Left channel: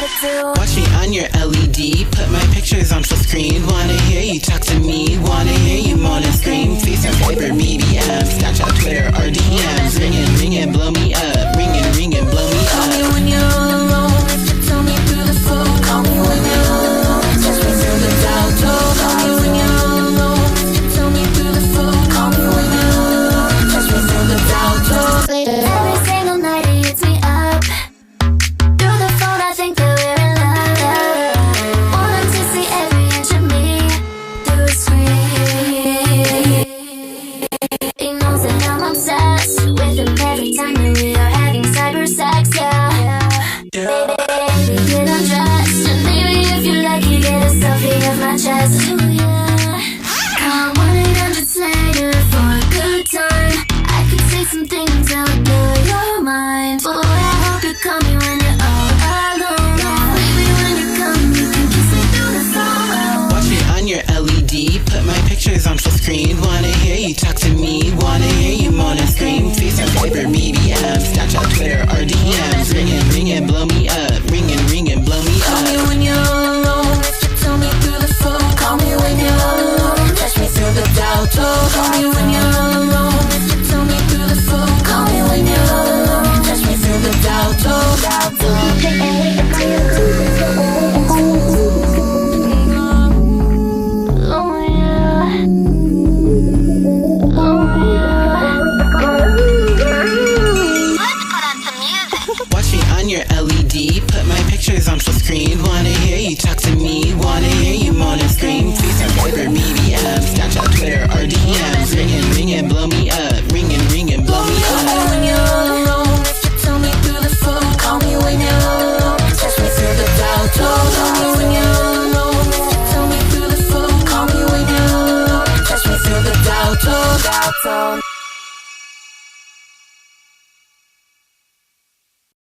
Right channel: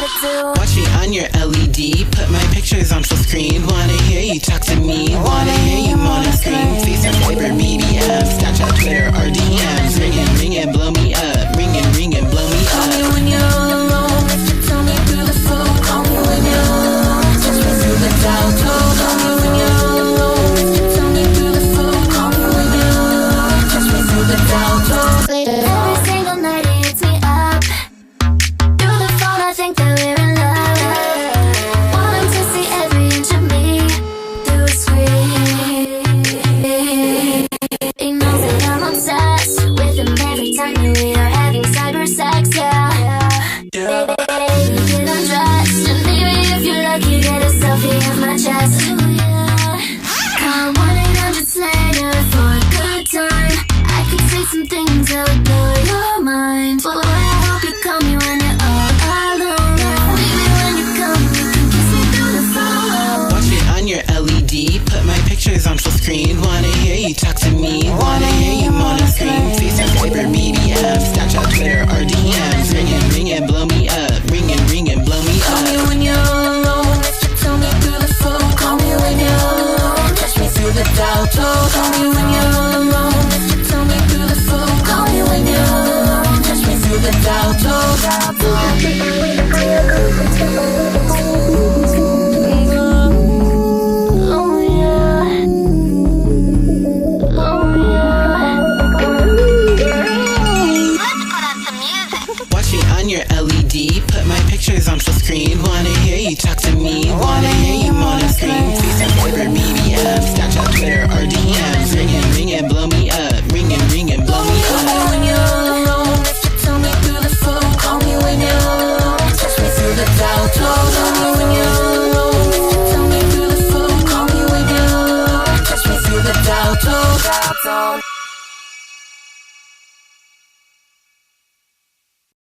gotta do. Watch me on your LED, put my pictures on full screen. Wanna hear you talk to me, wanna hear you moan and scream. FaceTime, Viber, BBM, Snapchat, Twitter, or DMs. Ringing, blow me up. Ringing, blow me Call me up. when you're all alone. If you tell me through the phone. Call me when you're all alone. Touch me through the dial tone. Call me when you're all alone. If you tell me through the phone. Call me when you're all alone. Touch me through the dial tone. Every single night he hits me up. Through the phone I think that we're in love. Want him to see every inch of me through a screen. He knows that I'm obsessed with him every time that we are having cyber sex, yeah. Baby, get undressed, and baby, if you're lucky, get a selfie of my chest. Ooh, yeah. Call 1-800-SLAYER for a good time. I could say some things that would blow your mind. Boy, I hope you call me when you're all alone. Baby, when you come, you can kiss me through the phone. Watch me on your LED, put my pictures on full screen. Wanna hear you talk to me, wanna hear you moan and scream. FaceTime, Viber, BBM, Snapchat, Twitter, or DMs. Ringing, blow me up. Ringing, blow me Call me up. when you're all alone. If you tell me through the phone. Call me when you're all alone. Touch me through the dial tone. Call me when you're all alone. If you tell me through the phone. Call me when you're all alone. Touch me through the dial tone. Oh yeah. Oh yeah. Let's put on some music. Watch me on your LED, put my pictures on full screen. Wanna hear you talk to me, wanna hear you moan and scream. FaceTime, Viber, BBM, Snapchat, Twitter, or DMs. Ringing, blow me up. Ringing, blow me Call me up. when you're all alone.